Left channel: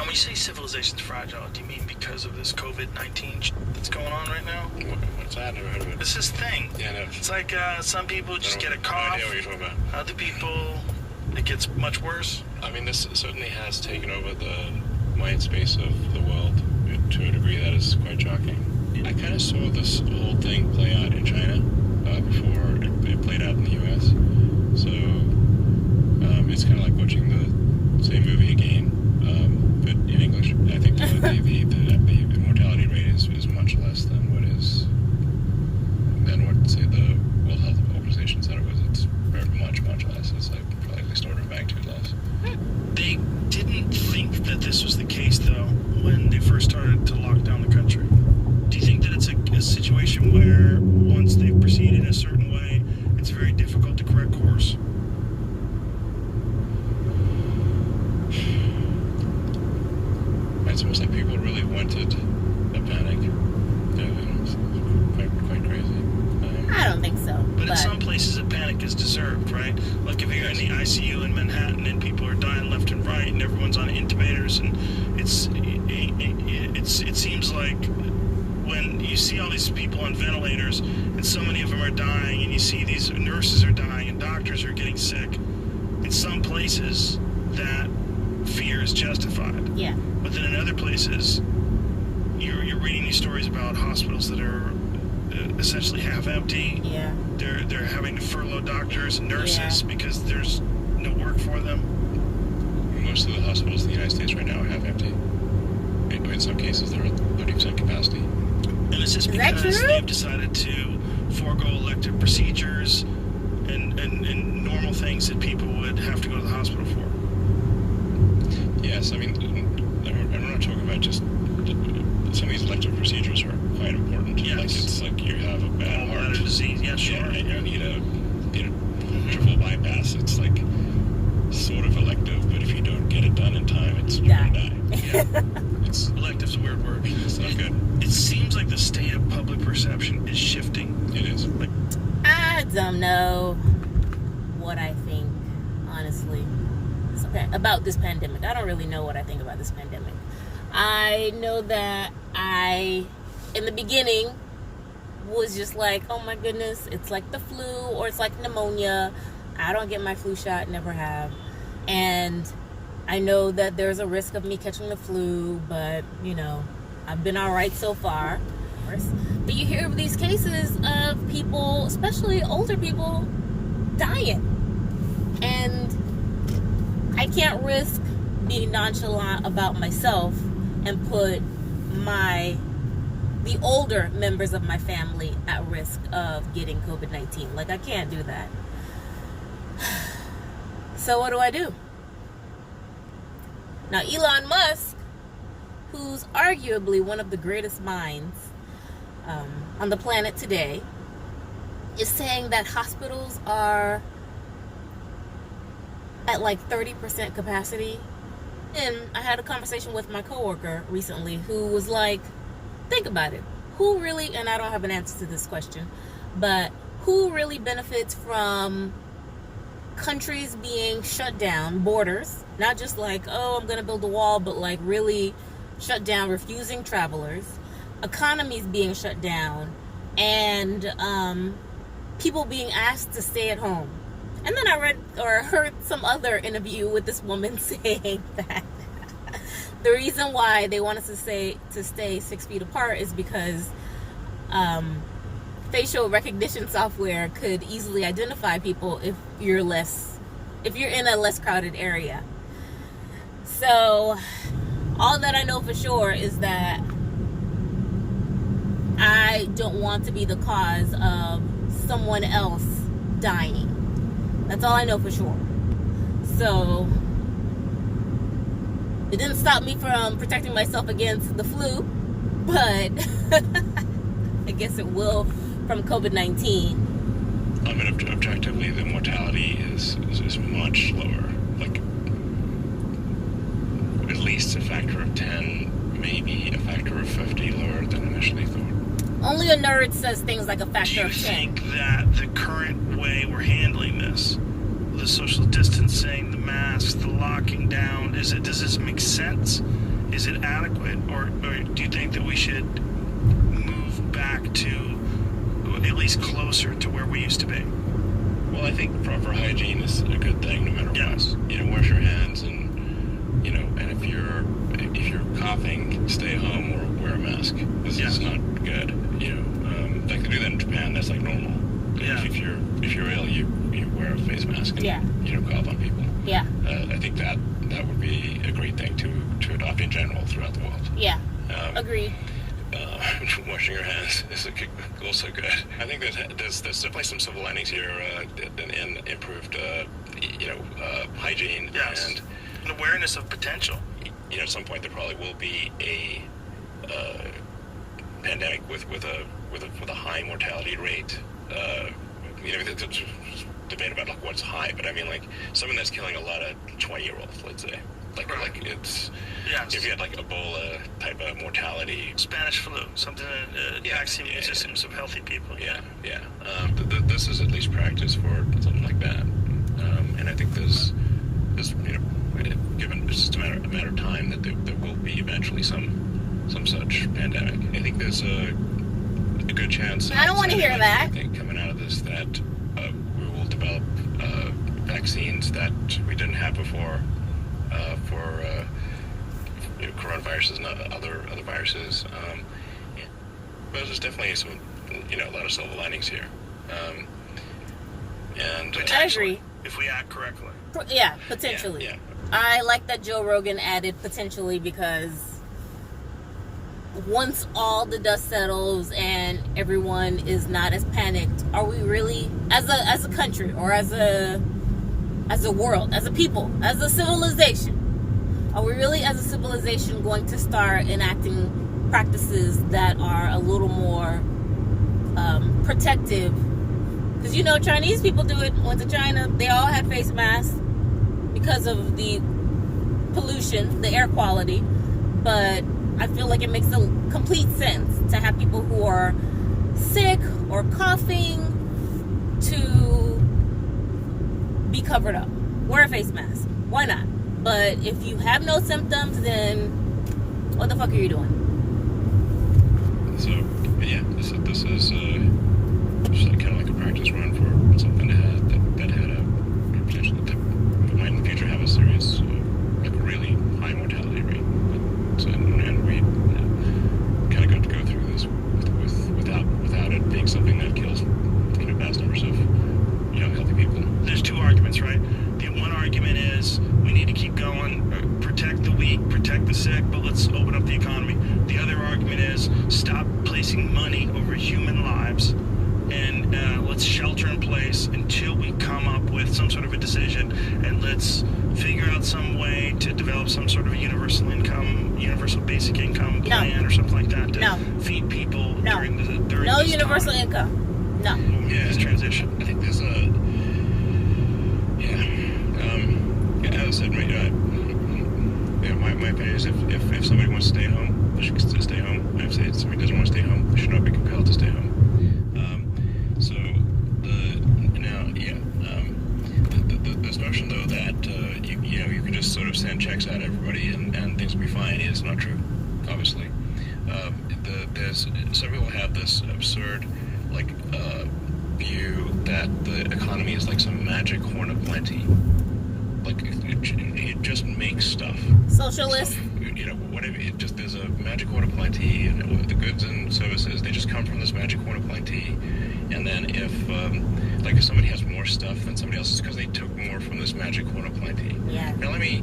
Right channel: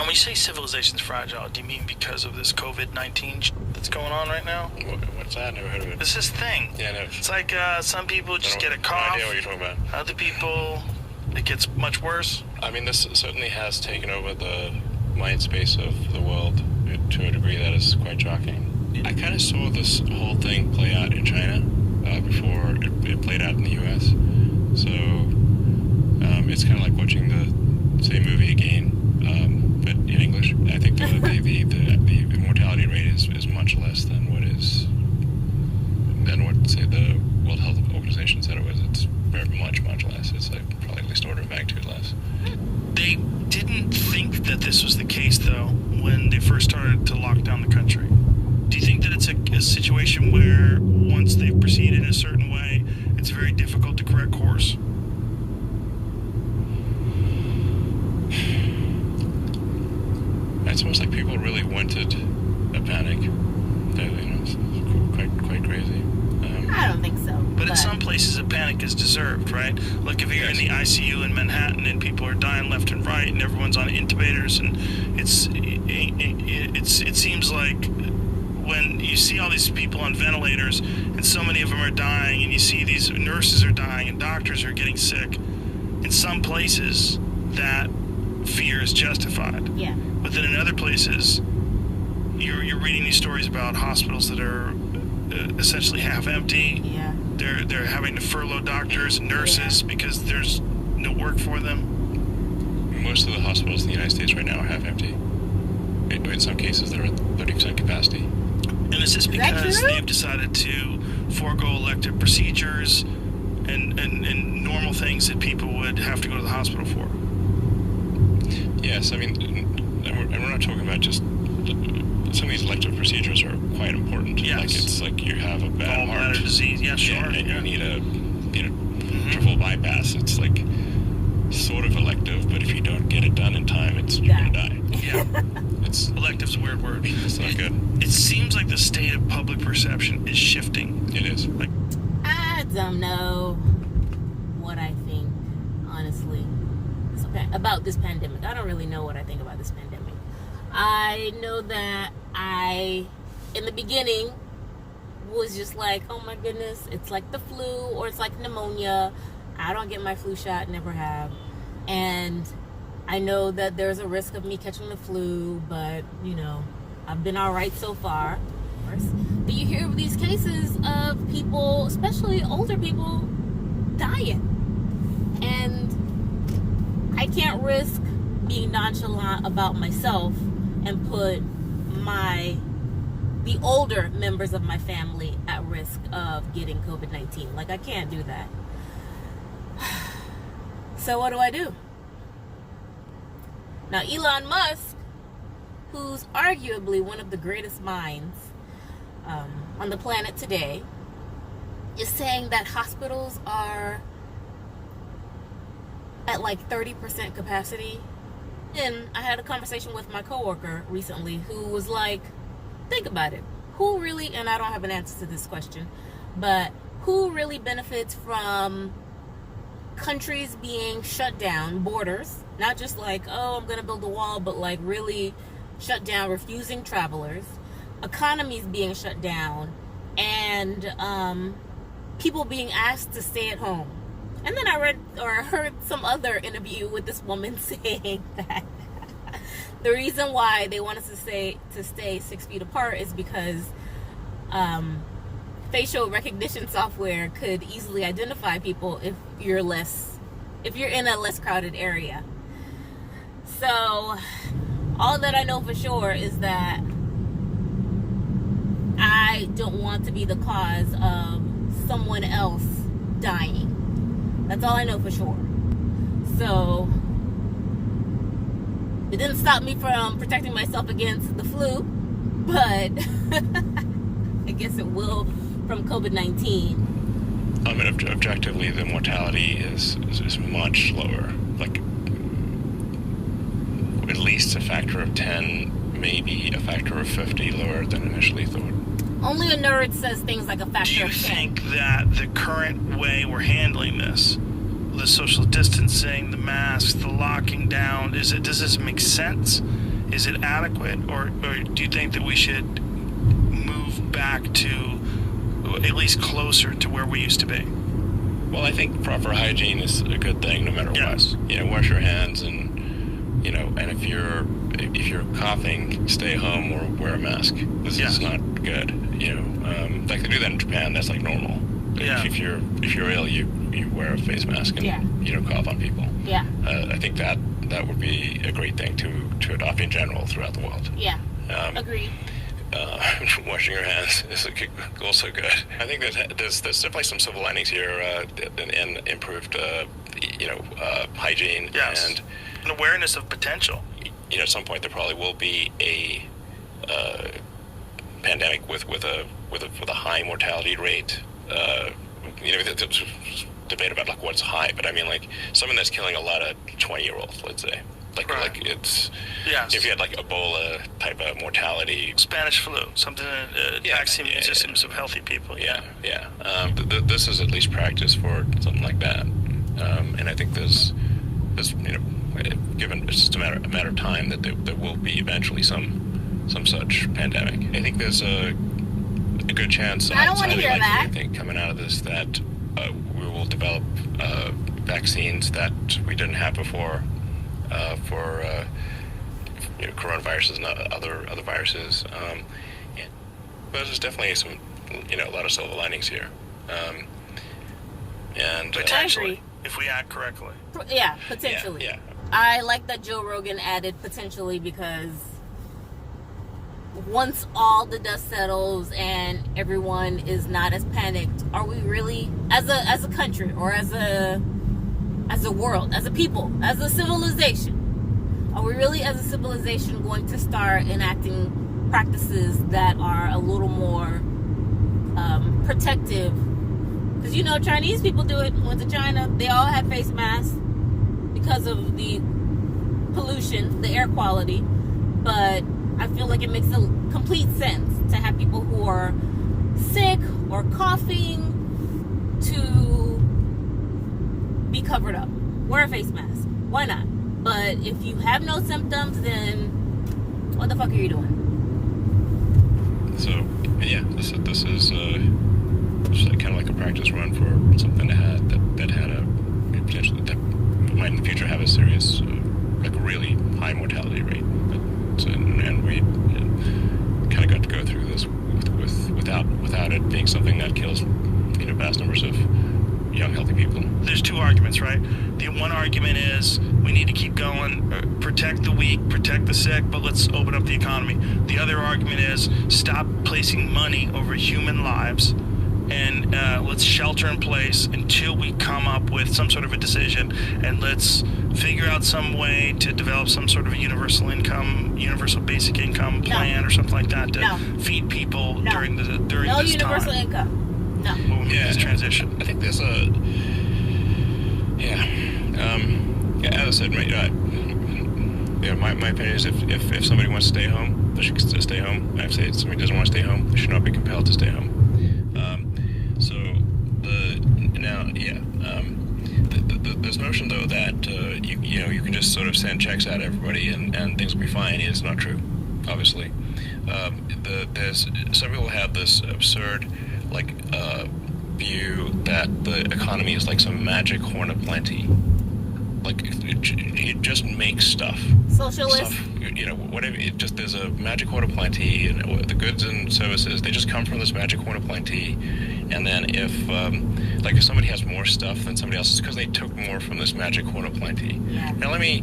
Now, when you say civilization's fragile, do you mean because of this COVID-19 that's going on right now? What's that? I never heard of it. It's this thing. Yeah, no. It's like some people just get a cough. No idea what you're talking about. Other people, it gets much worse. I mean, this certainly has taken over the mind space of the world to a degree that is quite shocking. I kind of saw this whole thing play out in China before it played out in the U.S. So it's kind of like watching the same movie again, but in English. I think the mortality rate is much less than what say the World Health Organization said it was. It's very much less. It's like probably at least order of magnitude less. They didn't think that this was the case, though, when they first started to lock down the country. Do you think that it's a situation where once they've proceeded in a certain way, it's very difficult to correct course? It's almost like people really wanted a panic. It's quite crazy. I don't think so. But in some places, a panic is deserved, right? Like if you're in the ICU in Manhattan and people are dying left and right, and everyone's on intubators, and it seems like when you see all these people on ventilators, and so many of them are dying, and you see these nurses are dying, and doctors are getting sick. In some places, that fear is justified. Yeah. But then in other places, you're reading these stories about hospitals that are essentially half empty. Yeah. They're having to furlough doctors and nurses because there's no work for them. Most of the hospitals in the United States right now are half empty. And in some cases, they're at 30% capacity. And is this because they've decided to forego elective procedures and normal things that people would have to go to the hospital for? Yes, I mean, and we're not talking about just some of these elective procedures are quite important. Yes. Like it's like you have a bad heart disease. Yeah, sure. And you need a triple bypass. It's like sort of elective, but if you don't get it done in time, you're gonna die. Yeah. Elective's a weird word. It's not good. It seems like the state of public perception is shifting. It is. I don't know what I think, honestly, about this pandemic. I don't really know what I think about this pandemic. I know that in the beginning, was just like, oh my goodness, it's like the flu or it's like pneumonia. I don't get my flu shot, never have. And I know that there's a risk of me catching the flu, but, I've been all right so far. But you hear of these cases of people, especially older people, dying. And I can't risk being nonchalant about myself and put the older members of my family at risk of getting COVID-19. Like, I can't do that. So what do? Now, Elon Musk, who's arguably one of the greatest minds on the planet today, is saying that hospitals are at like 30% capacity. And I had a conversation with my coworker recently who was like, think about it. Who really, and I don't have an answer to this question, but who really benefits from countries being shut down, borders, not just like, oh, I'm going to build a wall, but like really shut down, refusing travelers, economies being shut down, and people being asked to stay at home. And then I heard some other interview with this woman saying that the reason why they want us to stay 6 feet apart is because facial recognition software could easily identify people if you're in a less crowded area. So all that I know for sure is that I don't want to be the cause of someone else dying. That's all I know for sure. So it didn't stop me from protecting myself against the flu, but I guess it will from COVID-19. I mean, objectively, the mortality is much lower. Like, at least a factor of 10, maybe a factor of 50 lower than initially thought. Only a nerd says things like a factor of 10. Do you think that the current way we're handling this, the social distancing, the masks, the locking down, does this make sense? Is it adequate, or do you think that we should move back to at least closer to where we used to be? Well, I think proper hygiene is a good thing no matter what. You know, wash your hands, and and if you're coughing, stay home or wear a mask. This is not good. Like they do that in Japan. That's like normal. Yeah. If you're ill, you wear a face mask and you don't cough on people. Yeah. I think that would be a great thing to adopt in general throughout the world. Yeah. Agreed. Washing your hands is also good. I think there's definitely some silver linings here in improved hygiene and an awareness of potential. At some point there probably will be a pandemic with a high mortality rate. There's debate about like what's high, but I mean like something that's killing a lot of 20-year-olds, let's say. Like it's if you had like Ebola type of mortality, Spanish flu, something vaccine immune systems of healthy people. This is at least practice for something like that, and I think there's given it's just a matter of time that there will be eventually some such pandemic. I think there's a good chance. I don't want to hear that. I think coming out of this that we will develop vaccines that we didn't have before. For coronaviruses and other viruses, but there's definitely some a lot of silver linings here, and I agree if we act correctly. Yeah, potentially. Yeah. I like that Joe Rogan added potentially, because once all the dust settles and everyone is not as panicked, are we really as a country or as a world, as a people, as a civilization, are we really as a civilization going to start enacting practices that are a little more protective? Because Chinese people do it. Went to China, they all had face masks because of the pollution, the air quality, but I feel like it makes a complete sense to have people who are sick or coughing to be covered up. Wear a face mask. Why not? But if you have no symptoms, then what the fuck are you doing? So, this is kind of like a practice run for something that had a potentially that might in the future have a serious, like a really high mortality rate. And we kind of got to go through this without it being something that kills vast numbers of young, healthy people. There's two arguments, right? The one argument is we need to keep going, protect the weak, protect the sick, but let's open up the economy. The other argument is stop placing money over human lives, and let's shelter in place until we come up with some sort of a decision, and let's figure out some way to develop some sort of a universal basic income plan or something like that to feed people during this universal time. Income. No. This transition. I think there's as I said, my opinion is if somebody wants to stay home, they should stay home. If somebody doesn't want to stay home, they should not be compelled to stay home. This notion though that you can just sort of send checks out to everybody and things will be fine is not true. Obviously, there's some people have this absurd view that the economy is like some magic horn of plenty. Like it just makes stuff. Socialist. Whatever. There's a magic horn of plenty, and the goods and services they just come from this magic horn of plenty. And then if somebody has more stuff than somebody else, it's because they took more from this magic horn of plenty. Yeah. Now let me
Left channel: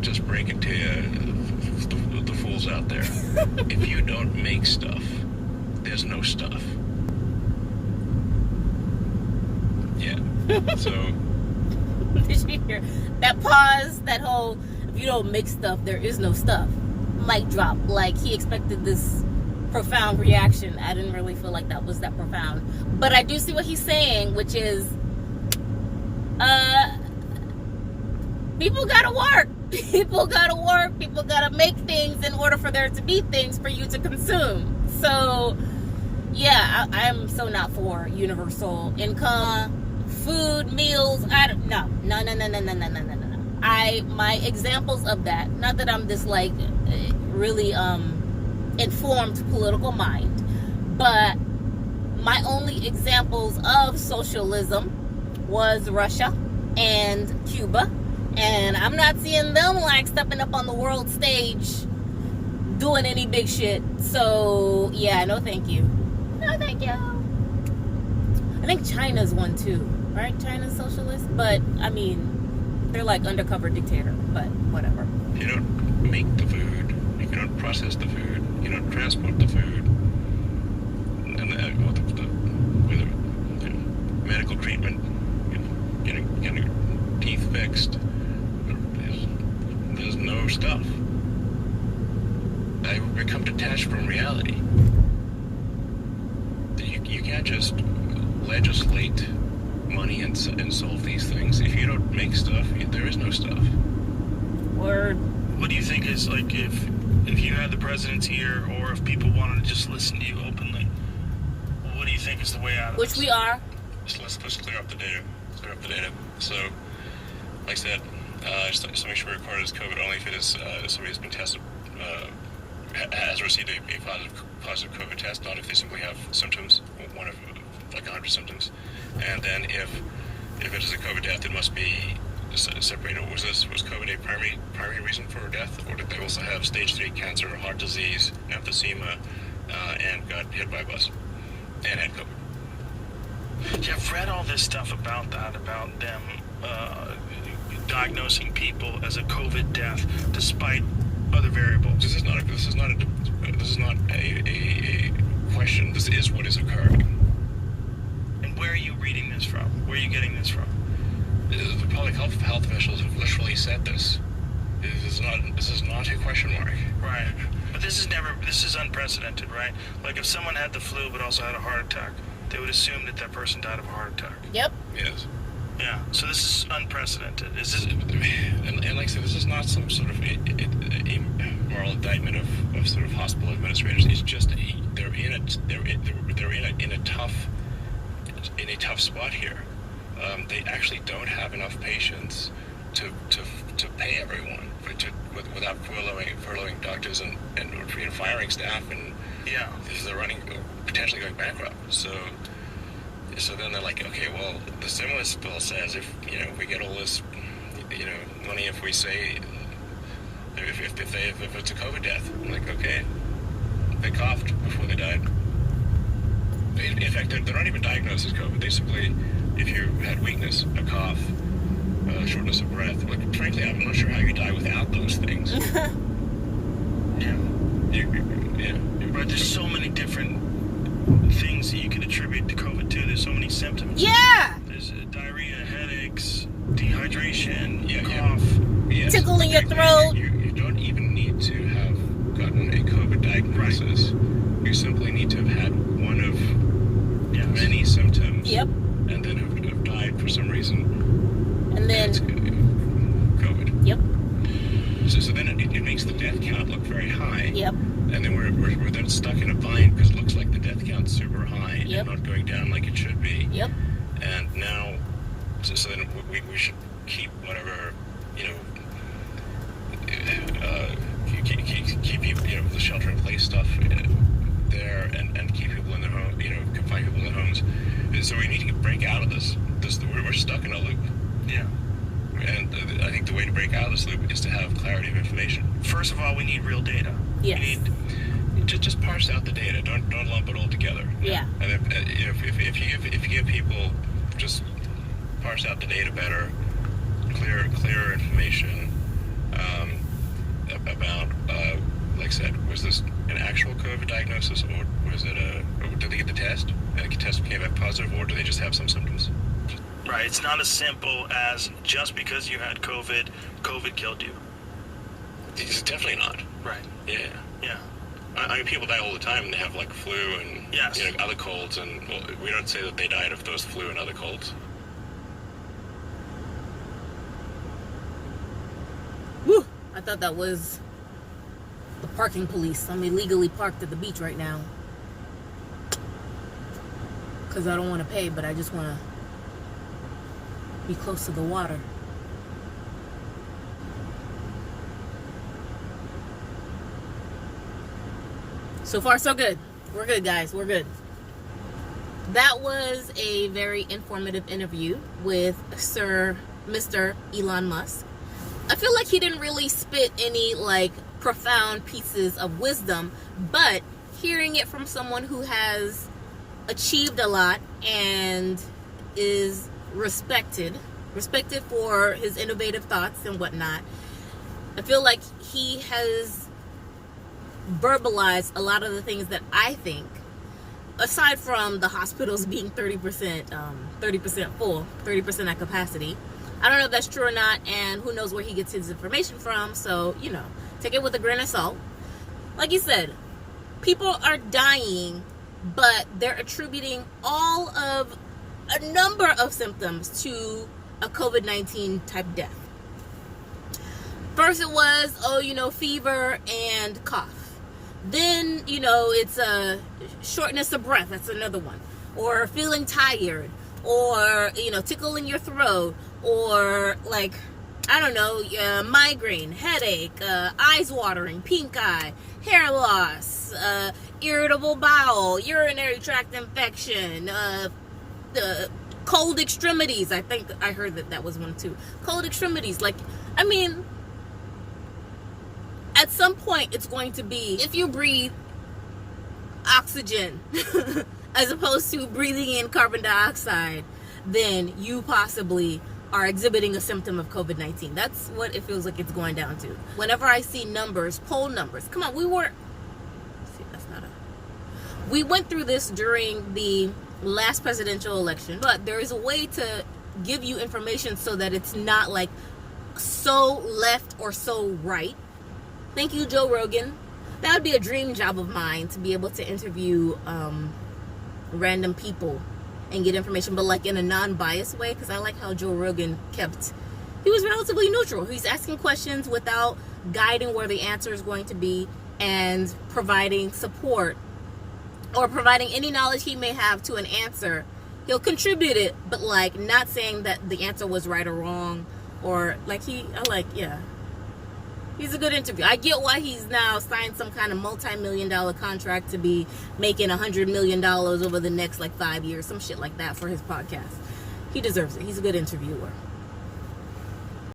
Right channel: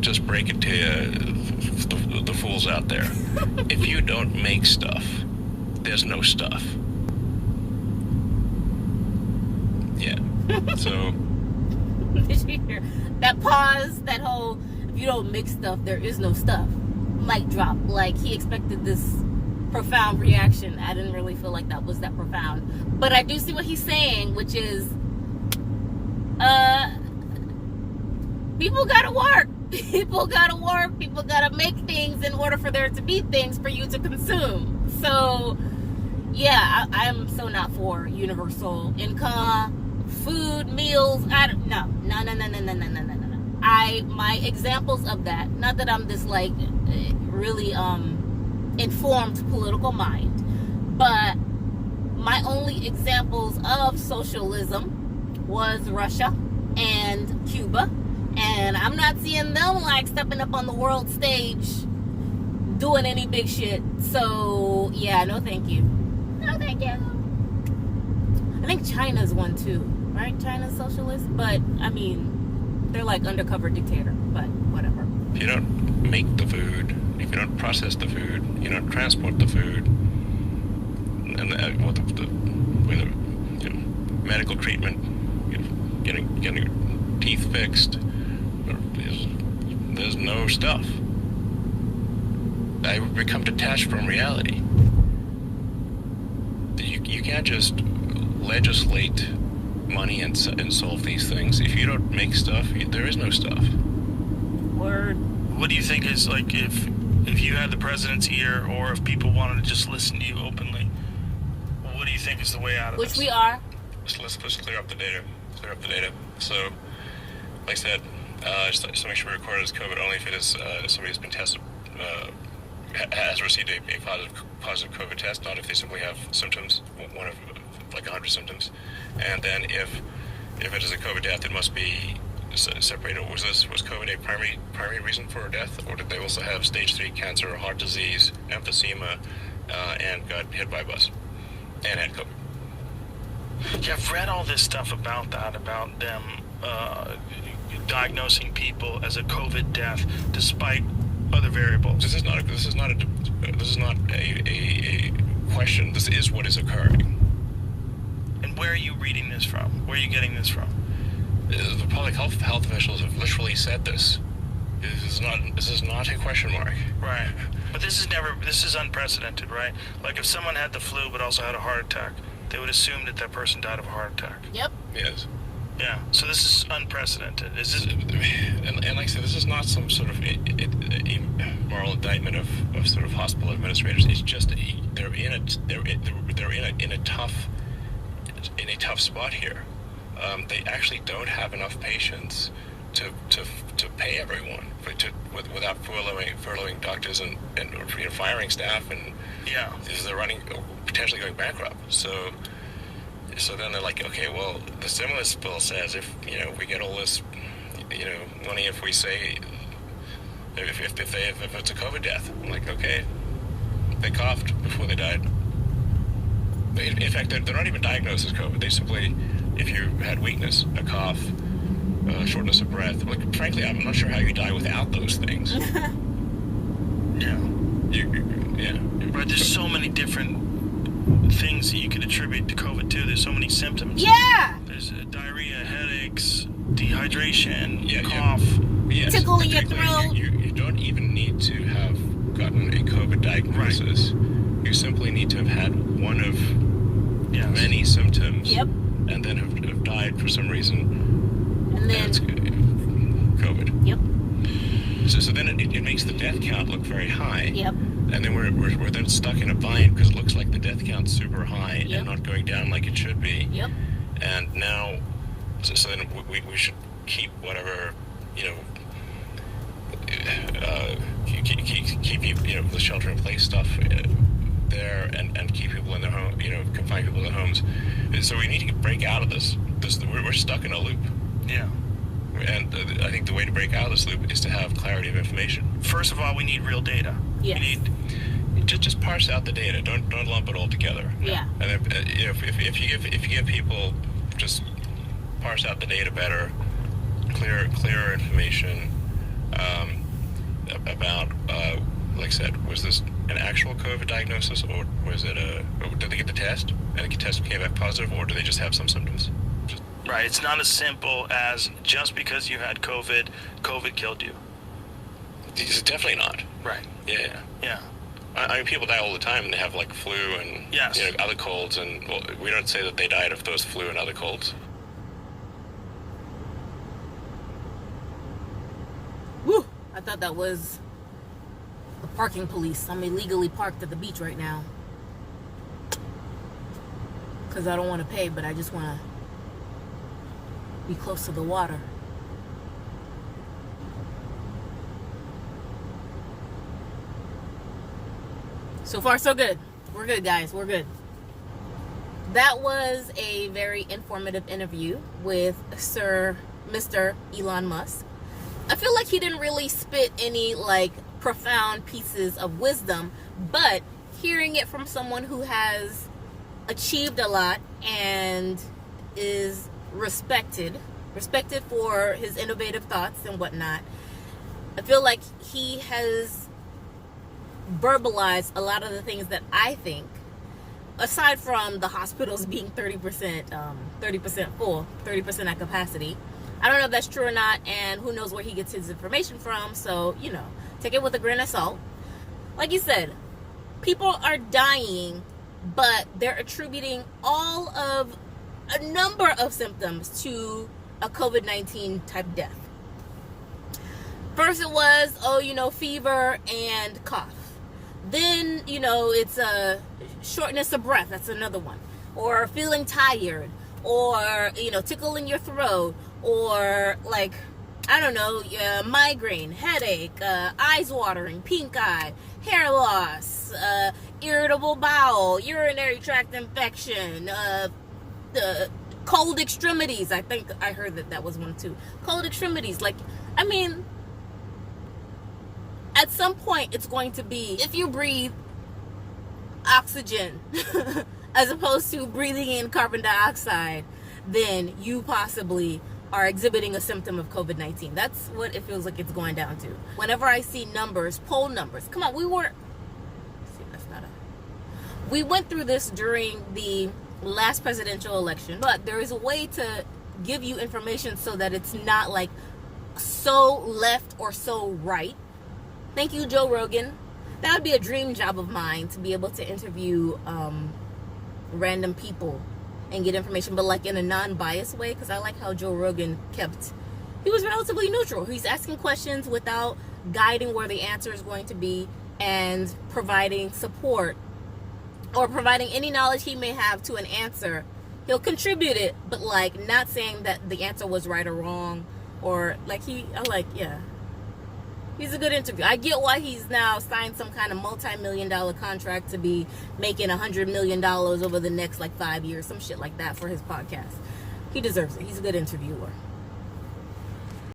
just break it to you, the fools out there. If you don't make stuff, there's no stuff. Yeah. So. Did you hear that pause? That whole if you don't make stuff, there is no stuff. Mic drop. Like he expected this profound reaction. I didn't really feel like that was that profound. But I do see what he's saying, which is people gotta work. People gotta work. People gotta make things in order for there to be things for you to consume. So yeah, I'm so not for universal income. Food, meals, no. My examples of that, not that I'm this really informed political mind. But my only examples of socialism was Russia and Cuba, and I'm not seeing them like stepping up on the world stage doing any big shit. So yeah, no thank you. No thank you. I think China's one too, right? China's socialist, but I mean, they're like undercover dictator, but whatever. You don't make the food, you don't process the food, you don't transport the food, and with medical treatment, getting your teeth fixed, there's no stuff. I become detached from reality. You can't just legislate money and solve these things. If you don't make stuff, there is no stuff. Word. What do you think is, like, if you had the president's ear, or if people wanted to just listen to you openly, what do you think is the way out of Which this? we are. So let's clear up the data. So, like I said, just make sure we record it as COVID only if it is somebody has been tested, has received a positive COVID test, not if they simply have symptoms, one of like 100 symptoms. And then if it is a COVID death, it must be separated. Was COVID a primary reason for death, or did they also have stage 3 cancer, heart disease, emphysema, and got hit by a bus and had COVID? Yeah, I've read all this stuff about that, about them diagnosing people as a COVID death despite other variables. This is not a question. This is what is occurring. And where are you reading this from? Where are you getting this from? The public health officials have literally said this. This is not a question mark. Right. But this is unprecedented, right? Like if someone had the flu but also had a heart attack, they would assume that person died of a heart attack. Yep. Yes. Yeah. So this is unprecedented. Is this? And like I said, this is not some sort of a moral indictment of sort of hospital administrators. It's just they're in a tough spot here. They actually don't have enough patience to pay everyone without furloughing doctors and firing staff, and Yeah. they're potentially going bankrupt. So then they're like, okay, well, the stimulus bill says if we get all this money, if we say if it's a COVID death, I'm like, okay, they coughed before they died. In fact, they're not even diagnosed as COVID. They simply, if you had weakness, a cough, shortness of breath, like, frankly, I'm not sure how you die without those things. Yeah. Yeah. Right. There's so many different things that you could attribute to COVID too. There's so many symptoms. Yeah. There's diarrhea, headaches, dehydration, Yeah, cough. Yes. Tickle in your throat. You don't even need to have gotten a COVID diagnosis. Right. You simply need to have had one of many symptoms. Yep. And then have died for some reason. And then it's COVID. Yep. So then it makes the death count look very high. Yep. And then we're then stuck in a bind because it looks like the death count's super high and not going down like it should be. Yep. And now, so then we should keep whatever, keep the shelter-in-place stuff there and keep people in their home, confine people in their homes. And so we need to break out of this. We're stuck in a loop. Yeah. And I think the way to break out of this loop is to have clarity of information. First of all, we need real data. Yes. We need just parse out the data. Don't lump it all together. Yeah. And if you give people just parse out the data better, clearer information about, like I said, was this an actual COVID diagnosis, or was it or did they get the test and the test came back positive, or do they just have some symptoms? Right. It's not as simple as just because you had COVID killed you. It's definitely not. Right. Yeah. Yeah. I mean, people die all the time, and they have like flu and other colds, and we don't say that they died of those flu and other colds. Woo! I thought that was the parking police. I'm illegally parked at the beach right now because I don't want to pay, but I just want to be close to the water. So far, so good. We're good, guys. We're good. That was a very informative interview with Mr. Elon Musk. I feel like he didn't really spit any like profound pieces of wisdom, but hearing it from someone who has achieved a lot and is respected for his innovative thoughts and whatnot, I feel like he has verbalized a lot of the things that I think, aside from the hospitals being 30% full, 30% at capacity. I don't know if that's true or not, and who knows where he gets his information from, so, take it with a grain of salt. Like you said, people are dying, but they're attributing all of a number of symptoms to a COVID-19 type death. First it was, fever and cough. Then, it's a shortness of breath. That's another one. Or feeling tired. Or, tickle in your throat. Or, migraine, headache, eyes watering, pink eye, hair loss, irritable bowel, urinary tract infection, cold extremities. I think I heard that was one too. Cold extremities. At some point, it's going to be, if you breathe oxygen as opposed to breathing in carbon dioxide, then you possibly are exhibiting a symptom of COVID-19. That's what it feels like it's going down to. Whenever I see numbers, poll numbers, come on, we went through this during the last presidential election, but there is a way to give you information so that it's not like so left or so right. Thank you, Joe Rogan. That would be a dream job of mine, to be able to interview random people and get information, but like in a non-biased way, because I like how Joe Rogan he was relatively neutral. He's asking questions without guiding where the answer is going to be and providing support or providing any knowledge he may have to an answer. He'll contribute it, but not saying that the answer was right or wrong, or he's a good interview. I get why he's now signed some kind of multi-million-dollar contract to be making $100 million over the next 5 years, some shit like that for his podcast. He deserves it. He's a good interviewer.